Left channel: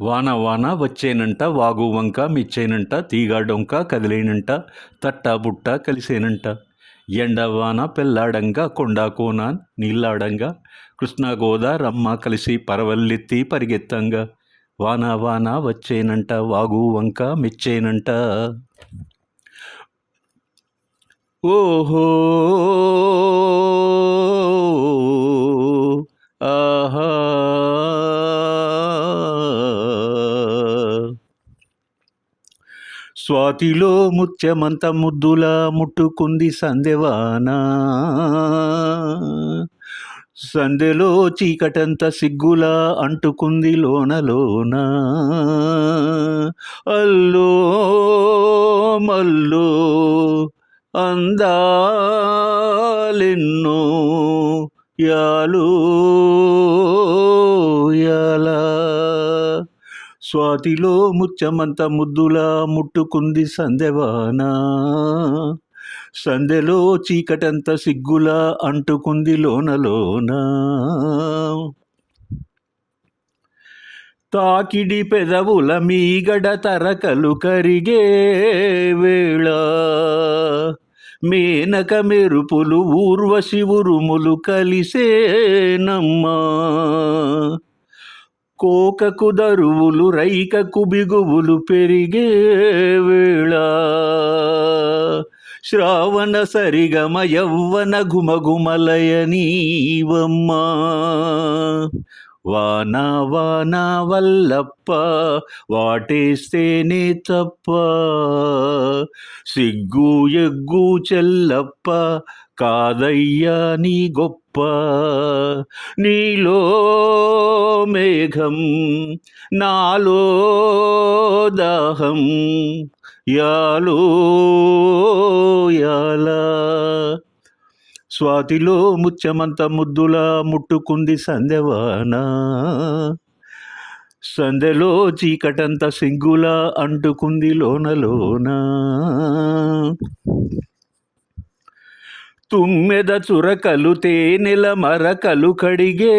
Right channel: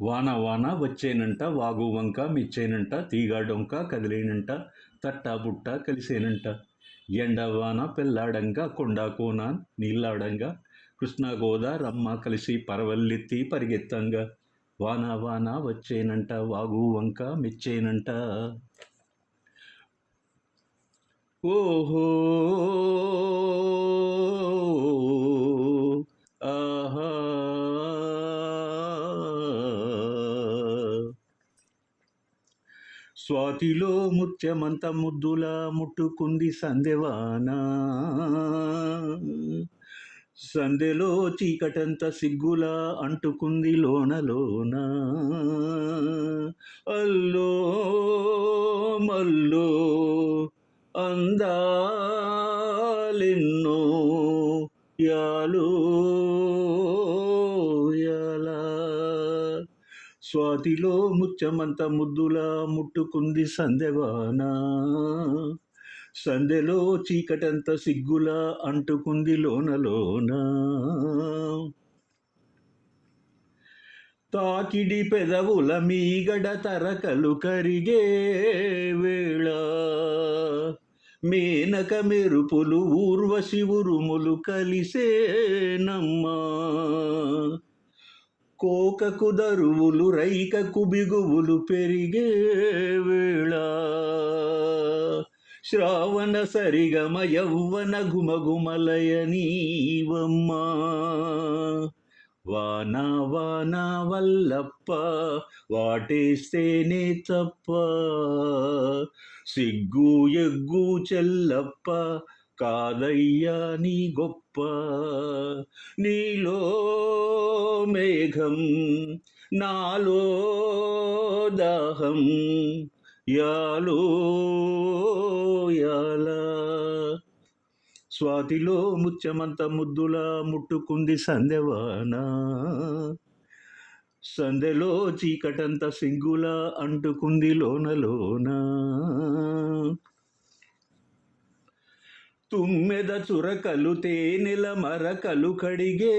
వాన వాన వచ్చేనంట వాగు వంక మిచ్చేనంట తీగ డొంక కదిలేనంట తట్ట బుట్ట కలిసేనంట ఎండ వాన పెళ్ళాడంగా కొండ కోన నీళ్ళాడంగా కృష్ణ గోదారమ్మ కలిసి పరవల్లెత్తి పరిగెత్తంగా వాన వాన వచ్చేనంట వాగు వంక మిచ్చేనంట. ఓహో ఆహా స్వాతిలో ముత్యమంత ముద్దులా ముట్టుకుంది సందెవానా, సందెలో చీకటంత సిగ్గులా అంటుకుంది లోన లోన. అల్లో మల్లో అందాలెన్నో యాలో యాలా. స్వాతిలో ముత్యమంత ముద్దులా ముట్టుకుంది సందెవాన, సందెలో చీకటంత సిగ్గులా అంటుకుంది లోన లోన. తాకిడి పెదవుల మీగడ తరకలు కరిగే వేళ, మేనక మెరుపులు ఊర్వశి ఉరుములు కలిసేనమ్మా. కోకకు దరువులు రైకకు బిగువులు పెరిగే వేళ, శ్రావణ సరిగమ యవ్వన ఘుమఘుమలయ నీవమ్మా. వాన వాన వల్లప్ప వాటేస్తేనే తప్ప, సిగ్గు ఎగ్గు చెల్లప్ప కాదయ్యా నీ గొప్ప. నీలో మేఘం నాలో దాహం యాలో యాలా. స్వాతిలో ముత్యమంత ముద్దులా ముట్టుకుంది సందెవాన, సందెలో చీకటంత సిగ్గులా అంటుకుంది లోన లోన. తుమ్మెద చురకలు తేనెల మరకలు కడిగే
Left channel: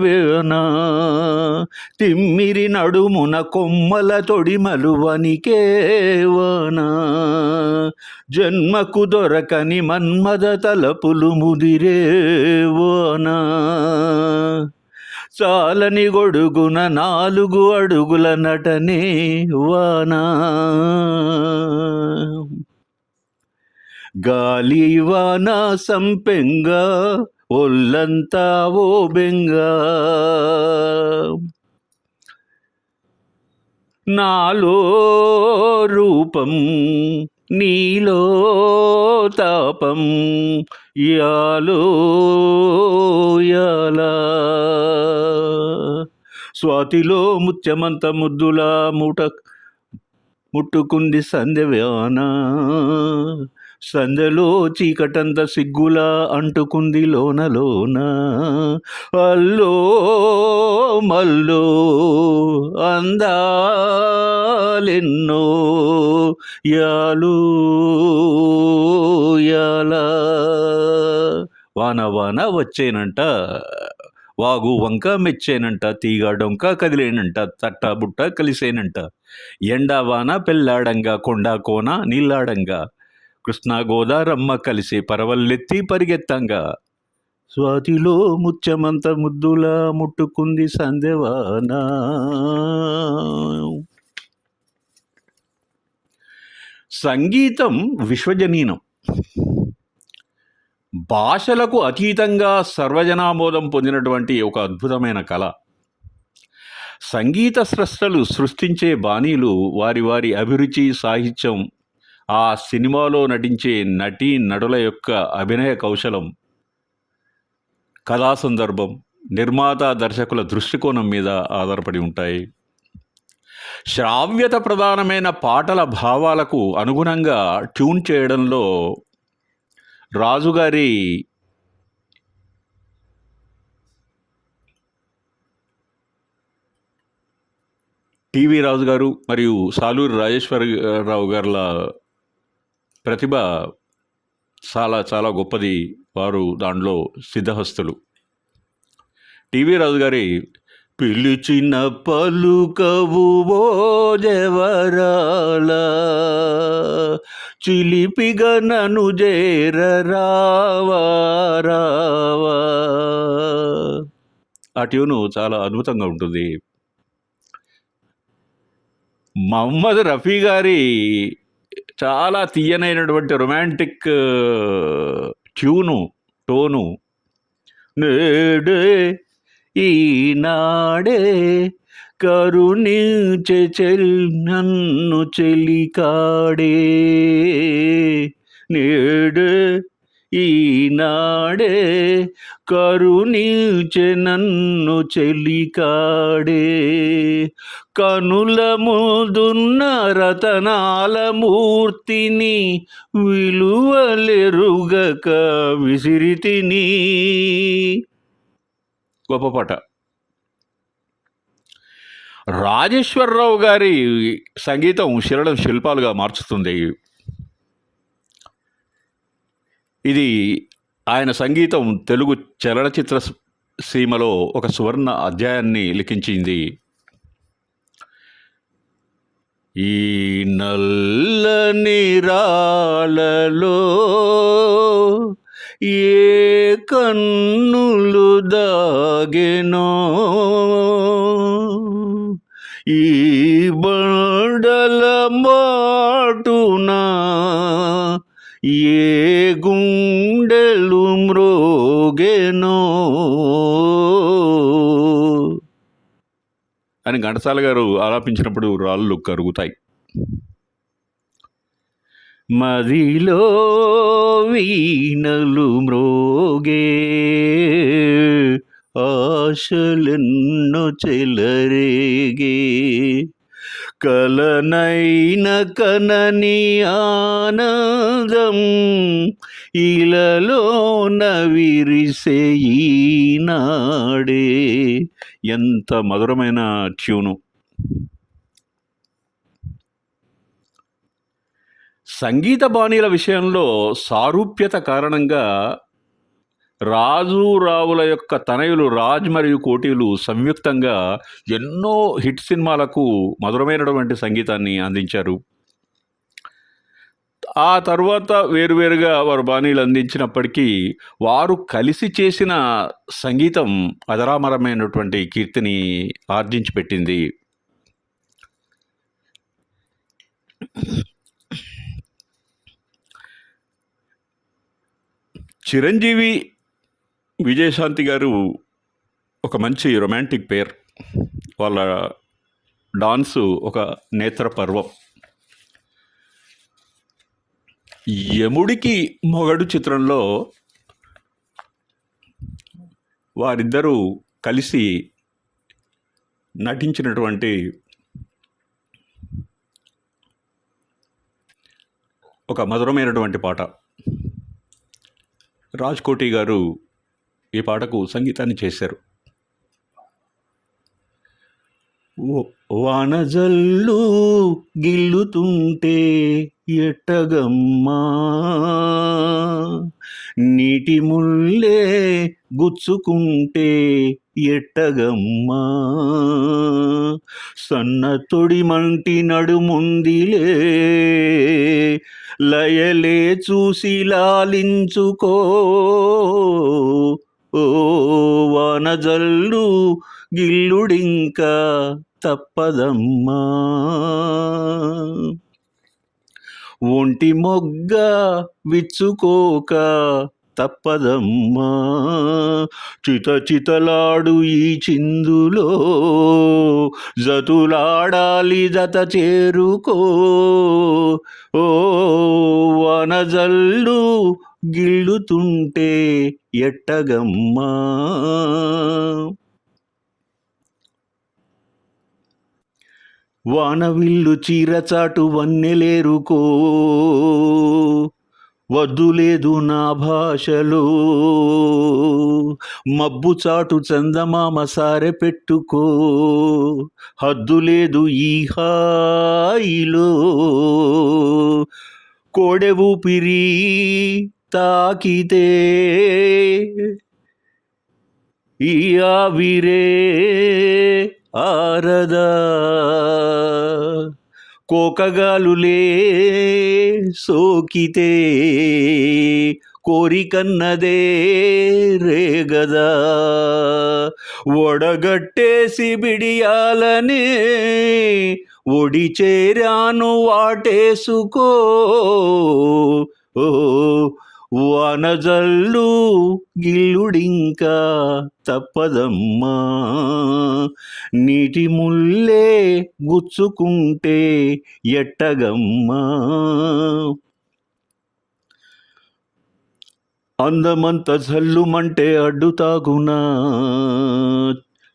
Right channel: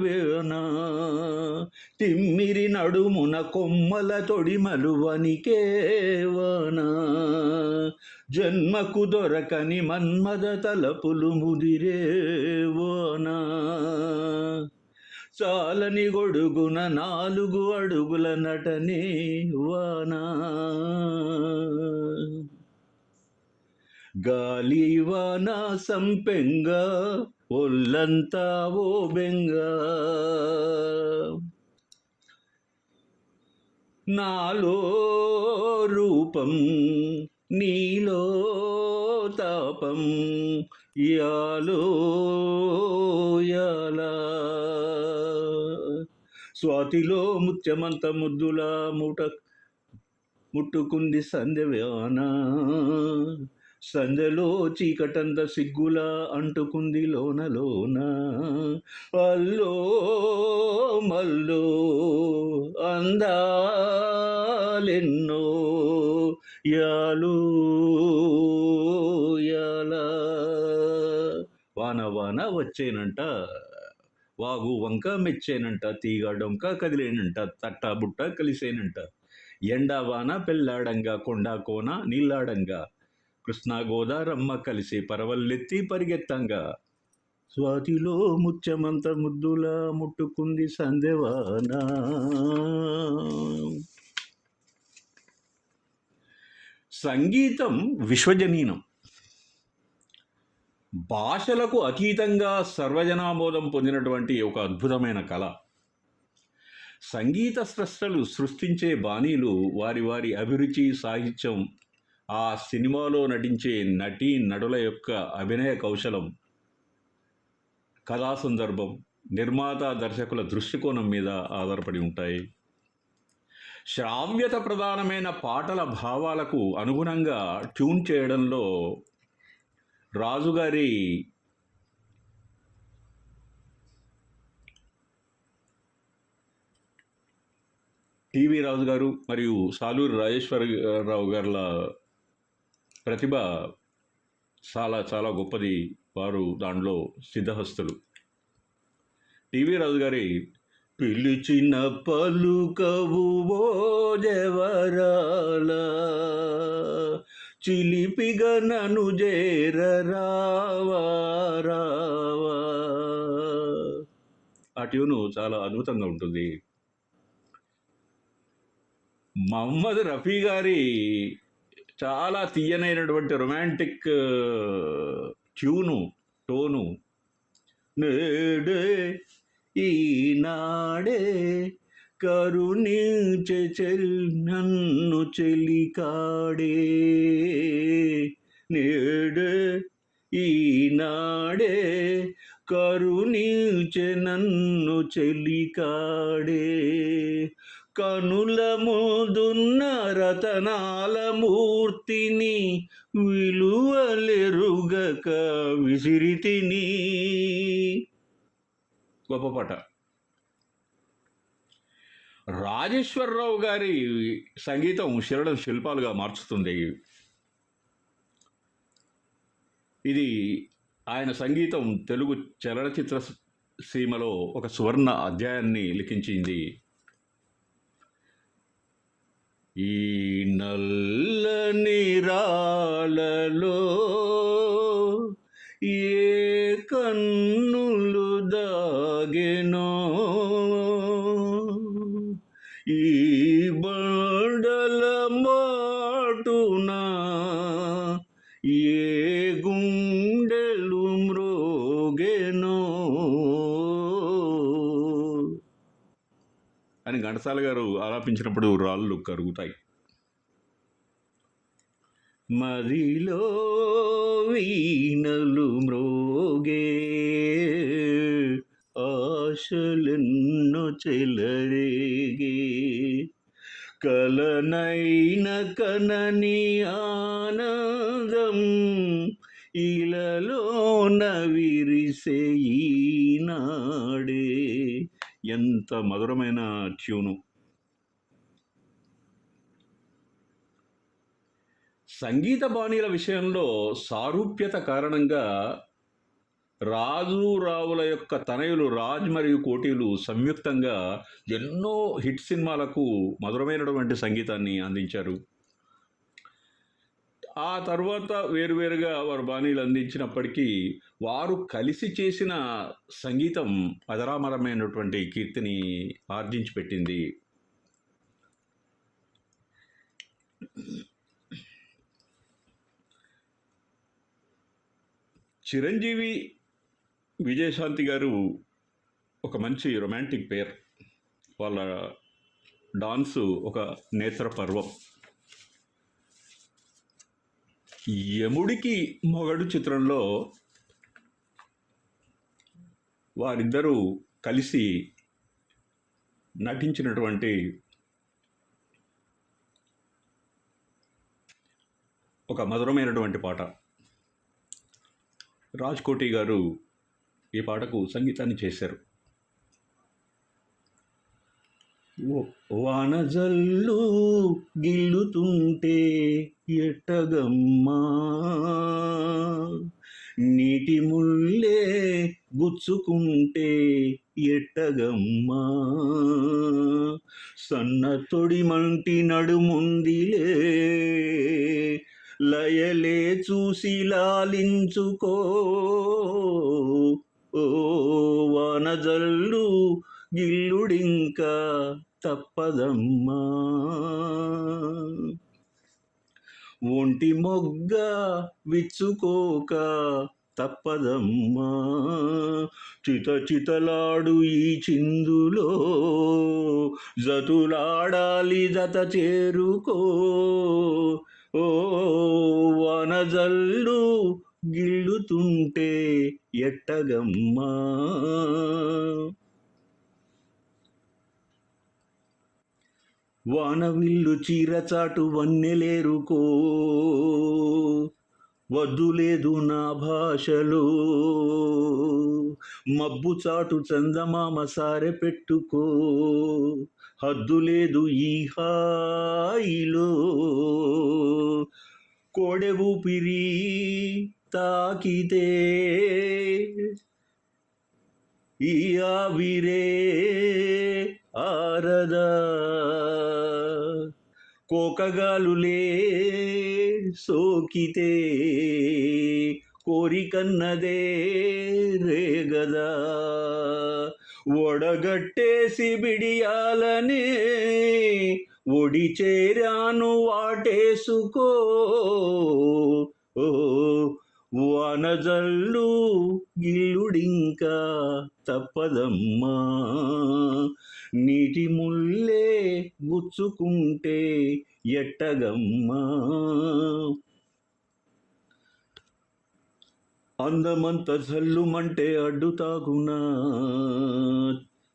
వేన, తిమ్మిరి నడుమున కొమ్మల తొడిమలు వనికే వాన. జన్మకు దొరకని మన్మద తలపులు ముదిరే వాన, చాలని గొడుగున 4 అడుగుల నటనే వాన. గాలి వాన సంపెంగా ఒళ్ళంతా ఓ బెంగా, నాలో రూపం నీలో తాపం యాలో యాలా. స్వాతిలో ముత్యమంత ముద్దులా ముట్టుకుంది సందెవాన, సందెలో చీకటంత సిగ్గులా అంటుకుంది లోన లోన. అల్లో మల్లో అందాలెన్నో యాలు యాలా. వాన వాన వచ్చేనంట వాగు వంక మెచ్చేనంట తీగ డొంక కదిలేనంట తట్ట బుట్ట కలిసేనంట ఎండ వాన పెళ్ళాడంగా కొండ కోన నీళ్ళాడంగా కృష్ణ గోదారమ్మ కలిసి పరవల్లెత్తి పరిగెత్తంగా. స్వాతిలో ముత్యమంత ముద్దులా ముట్టుకుంది సందెవాన. సంగీతం విశ్వజనీనం, భాషలకు అతీతంగా సర్వజనామోదం పొందినటువంటి ఒక అద్భుతమైన కళ. సంగీత స్రష్టలు సృష్టించే బాణీలు, వారి వారి అభిరుచి, సాహిత్యం, ఆ సినిమాలో నటించే నటీ నటుల యొక్క అభినయ కౌశలం, కథా సందర్భం, నిర్మాత దర్శకుల దృష్టికోణం మీద ఆధారపడి ఉంటాయి. శ్రావ్యత ప్రధానమైన పాటల భావాలకు అనుగుణంగా ట్యూన్ చేయడంలో రాజుగారి టీవీ రాజు గారు మరియు సాలూరి రాజేశ్వరరావు గారుల ప్రతిభ చాలా చాలా గొప్పది. వారు దాంట్లో సిద్ధహస్తులు. టీవీ రాజు గారి పిలిచిన పలుకవు ఓ జవరాల, చిలిపిగా నన్ను చేర రావా రావా. ఆ ట్యూను చాలా అద్భుతంగా ఉంటుంది. మహమ్మద్ రఫీ గారి చాలా తీయనైనటువంటి రొమాంటిక్ టోను. నేడే ఈనాడే కరుణించె నన్ను చెలికాడే, నేడే ఈనాడే కరుణించె నన్ను చెలికాడే. కనుల ముందున్న రతనాల మూర్తిని విలువలెరుగక విసిరితిని. గొప్ప పాట. రాజేశ్వరరావు గారి సంగీతం శిలడం శిల్పాలుగా మార్చుతుంది. ఇది ఆయన సంగీతం తెలుగు చలనచిత్ర సీమలో ఒక సువర్ణ అధ్యాయాన్ని లిఖించింది. ఈ నల్లని రాళ్ళలో ఏ కన్నులు దాగెనో, ఈ బండల మాటున ఏ గుండెలు మ్రోగెనో అని ఘంటసాల గారు ఆలాపించినప్పుడు రాళ్ళు కరుగుతాయి. మదిలో వీణలు మ్రోగే, ఆశలెన్నో చెలరేగే, కలనైన కనని ఆనందం ఇలలోన విరిసే ఈనాడే. ఎంత మధురమైన ట్యూను. సంగీత బాణీల విషయంలో సారూప్యత కారణంగా రాజు రావుల యొక్క తనయులు రాజ్ మరియు కోటీలు సంయుక్తంగా ఎన్నో హిట్ సినిమాలకు మధురమైనటువంటి సంగీతాన్ని అందించారు. ఆ తర్వాత వేరువేరుగా వారు బాణీలు అందించినప్పటికీ వారు కలిసి చేసిన సంగీతం అజరామరమైనటువంటి కీర్తిని ఆర్జించి పెట్టింది. చిరంజీవి విజయశాంతి గారు ఒక మంచి రొమాంటిక్ పేర్. వాళ్ళ డాన్సు ఒక నేత్ర పర్వం. యముడికి మొగడు చిత్రంలో వారిద్దరూ కలిసి నటించినటువంటి ఒక మధురమైనటువంటి పాట. రాజ్ కోటి గారు ఈ పాటకు సంగీతాన్ని చేశారు. వానజల్లు గిల్లుతుంటే ఎట్టగమ్మా, నీటి ముల్లే గుచ్చుకుంటే ఎట్టగమ్మా, సన్న తొడి మంటి నడుముందిలే లయలే చూసి లాలించుకో, ఓ వానజల్లు గిల్లుడింకా తప్పదమ్మా, ఒంటి మొగ్గ విచ్చుకోక తప్పదమ్మా, చిత చితలాడు ఈ చిందులో జతులాడాలి జత చేరుకో, ఓ వనజల్లు గిల్లుతుంటే ఎట్టగమ్మా. వానవిల్లు చీరచాటు వన్నెలేరుకో, వద్దులేదు నా భాషలో, మబ్బు చాటు చందమామ సారె పెట్టుకో, హద్దులేదు ఈ హాయిలో, కోడె ఊపిరి తాకితే ఈ ఆవిరే ఆరదా కోకగాలులే సోకితే కోరికన్నదే రేగదా ఒడగట్టేసి బిడియాలనే ఒడి చేరాను వాటేసుకో ఓ వానజల్లు గిల్లుడింకా తప్పదమ్మా నీటి ముల్లే గుచ్చుకుంటే ఎట్టగమ్మా అందమంత జల్లుమంటే అడ్డుతాగునా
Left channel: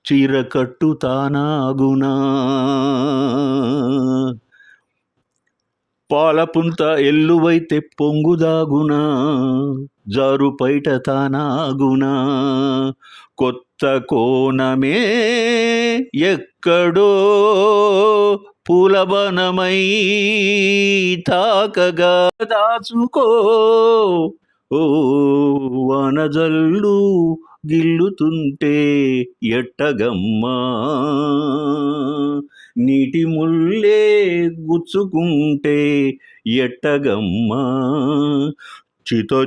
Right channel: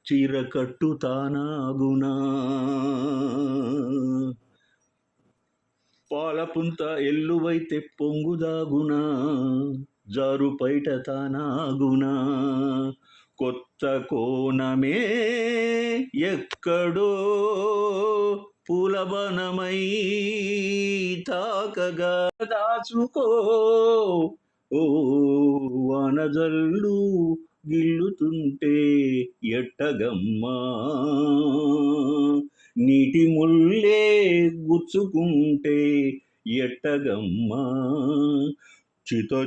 చీర కట్టుతానాగునా పాలపుంత ఎల్లువైతే పొంగుదాగునా జారు పైట తానాగునా కొత్త కోణమే ఎక్కడో పూలవనమై తాకగా దాచుకో ఓ వానజల్లు గిల్లుతుంటే ఎట్టగమ్మా నీటి ముల్లే గుచ్చుకుంటే ఎట్టగమ్మా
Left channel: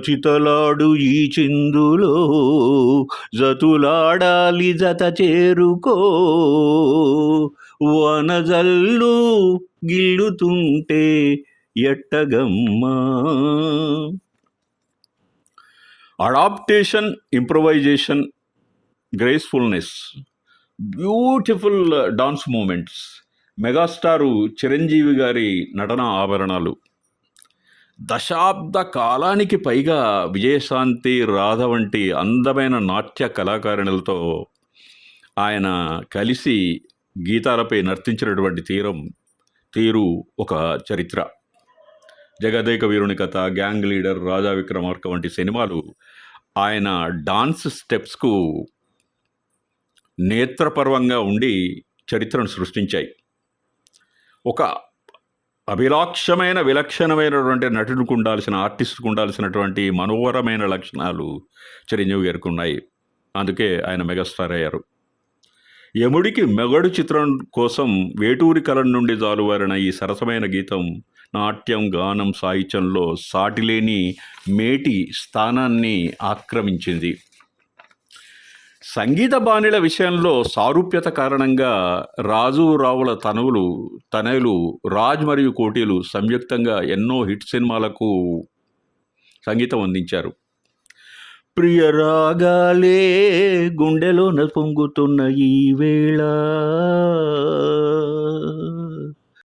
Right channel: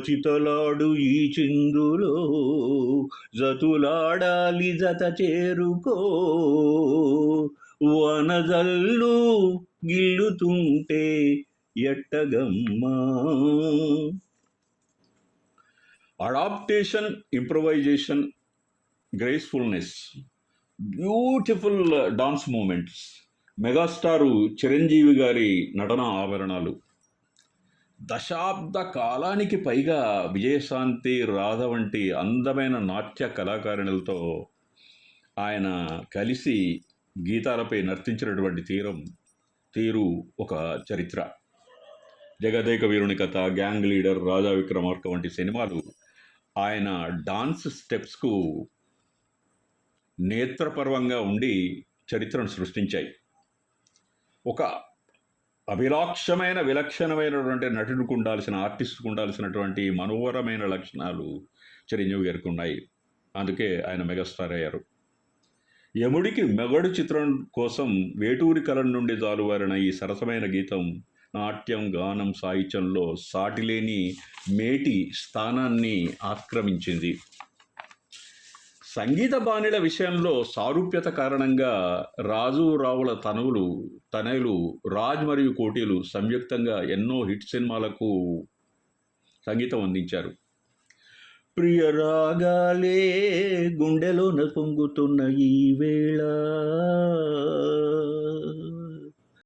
చితలాడు ఈ చిందులో జతులాడాలి జత చేరుకో వనజల్లు గిల్లుతుంటే ఎట్టగమ్మా. Adaptation, improvisation, gracefulness, beautiful dance movements, megastar Chiranjeevi గారి నటన ఆభరణాలు. దశాబ్ద కాలానికి పైగా విజయశాంతి, రాధ వంటి అందమైన నాట్య కళాకారులతో ఆయన కలిసి గీతాలపై నర్తించినటువంటి తీరు ఒక చరిత్ర. జగదేక వీరుని కథ, గ్యాంగ్ లీడర్, రాజా విక్రమార్క వంటి సినిమాలు ఆయన డాన్స్ స్టెప్స్కు నేత్రపర్వంగా ఉండి చరిత్రను సృష్టించాయి. ఒక అభిలాక్షమైన విలక్షణమైనటువంటి నటుడికి ఉండాల్సిన, ఆర్టిస్ట్కు ఉండాల్సినటువంటి మనోహరమైన లక్షణాలు చిరంజీవి గారికి ఉన్నాయి. అందుకే ఆయన మెగాస్టార్ అయ్యారు. యముడికి మెగడు చిత్రం కోసం వేటూరి కలం నుండి జాలువారిన ఈ సరసమైన గీతం నాట్యం, గానం, సాహిత్యంలో సాటిలేని మేటి స్థానాన్ని ఆక్రమించింది. సంగీత బాణీల విషయంలో సారూప్యత కారణంగా రాజు రావుల తనయులు రాజ్ మరియు కోటిలు సంయుక్తంగా ఎన్నో హిట్ సినిమాలకు సంగీతం అందించారు. ప్రియ రాగాలే గుండెలోన పొంగుతున్న ఈ వేళ